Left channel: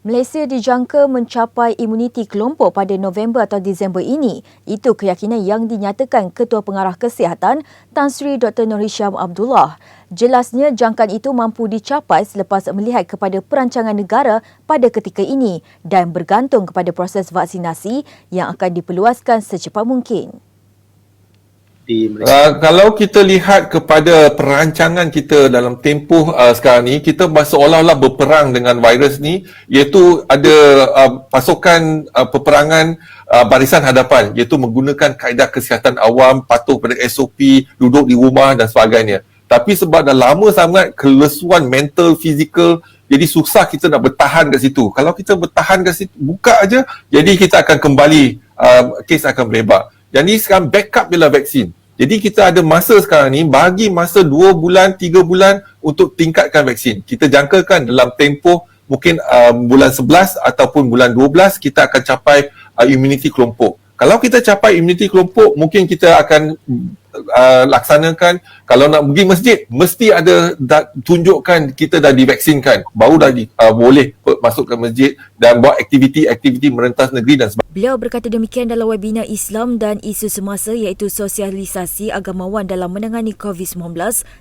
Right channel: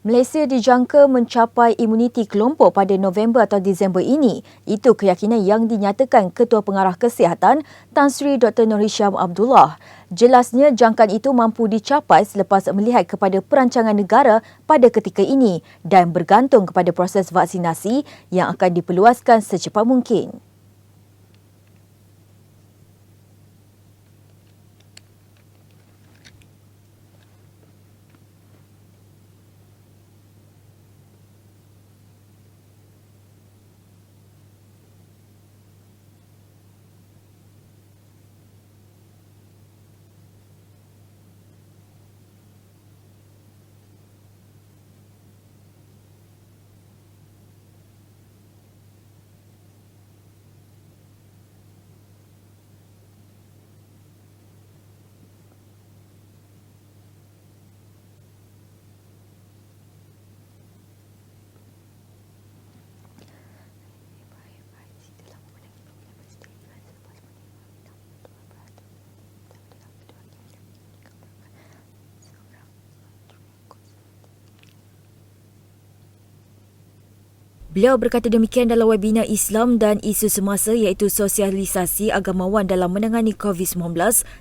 Malaysia dijangka mencapai imuniti kelompok pada November atau Disember ini. Itu keyakinan yang dinyatakan Ketua Pengarah Kesihatan Tan Sri Dr. Nur Hisham Abdullah. Jelasnya jangkaan itu mampu dicapai selepas melihat kepada perancangan negara pada ketika ini dan bergantung kepada proses vaksinasi yang akan diperluaskan secepat mungkin. Kalau kita lihat kepada perancangan kita dalam tempoh sekarang ni, kita seolah-olah berperang dengan virus ni, iaitu ada pasukan peperangan barisan hadapan, iaitu menggunakan kaedah kesihatan awam, patuh pada SOP, duduk di rumah dan sebagainya. Tapi sebab dah lama sangat kelesuan mental, fizikal, jadi susah kita nak bertahan kat situ. Kalau kita bertahan kat situ, buka aja, jadi kita akan kembali, kes akan melebar. Jadi sekarang backup ialah vaksin. Jadi kita ada masa sekarang ni, bagi masa 2 bulan, 3 bulan untuk tingkatkan vaksin. Kita jangkakan dalam tempoh mungkin bulan 11 ataupun bulan 12 kita akan capai immunity kelompok. Kalau kita capai immunity kelompok, mungkin kita akan laksanakan, kalau nak pergi masjid, mesti ada tunjukkan kita dah divaksinkan. Baru dah boleh masuk ke masjid dan buat aktiviti-aktiviti merentas negeri dan sebagainya. Beliau berkata demikian dalam webinar Islam dan isu semasa iaitu sosialisasi agamawan dalam menangani COVID-19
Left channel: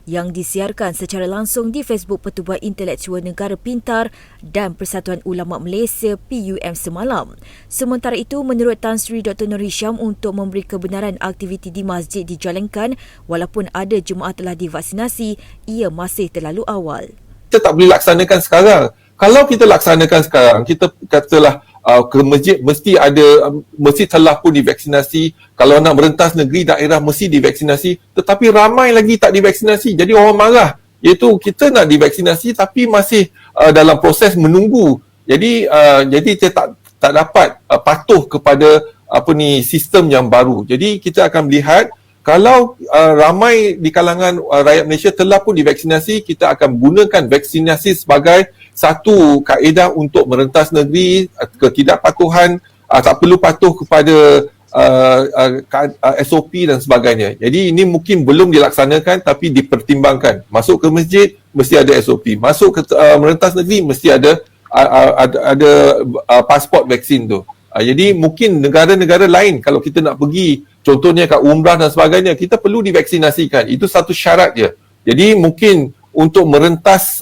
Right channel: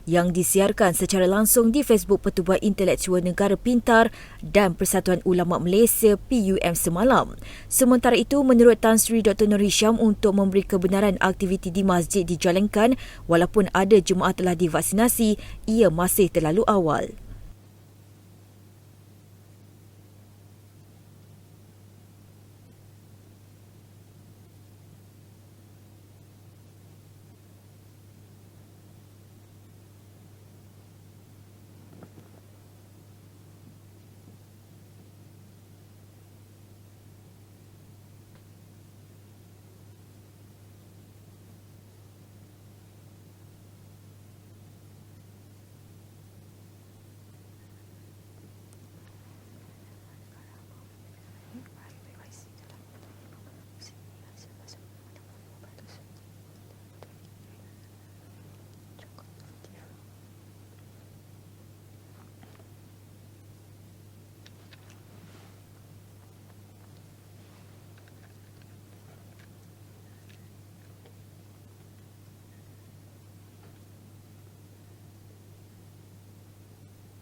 yang disiarkan secara langsung di Facebook Pertubuhan Intelektual Negara Pintar dan Persatuan Ulama Malaysia PUM semalam. Sementara itu, menurut Tan Sri Dr. Nur Hisham, untuk memberi kebenaran aktiviti di masjid dijalankan walaupun ada jemaah telah divaksinasi, ia masih terlalu awal. Kita tak boleh laksanakan sekarang. Kalau kita laksanakan sekarang, kita katalah ke masjid mesti telah pun divaksinasi. Kalau nak merentas negeri, daerah mesti divaksinasi. Tetapi ramai lagi tak divaksinasi. Jadi orang marah. Iaitu kita nak divaksinasi tapi masih dalam proses menunggu. Jadi kita tak dapat patuh kepada sistem yang baru. Jadi kita akan melihat kalau ramai di kalangan rakyat Malaysia telah pun divaksinasi, kita akan gunakan vaksinasi sebagai satu kaedah untuk merentas negeri, ketidakpatuhan, tak perlu patuh kepada SOP dan sebagainya. Jadi ini mungkin belum dilaksanakan tapi dipertimbangkan. Masuk ke masjid mesti ada SOP. Masuk ke merentas negeri mesti ada pasport vaksin tu. Jadi mungkin negara-negara lain kalau kita nak pergi, contohnya kat umrah dan sebagainya, kita perlu divaksinasikan. Itu satu syarat je. Jadi mungkin untuk merentas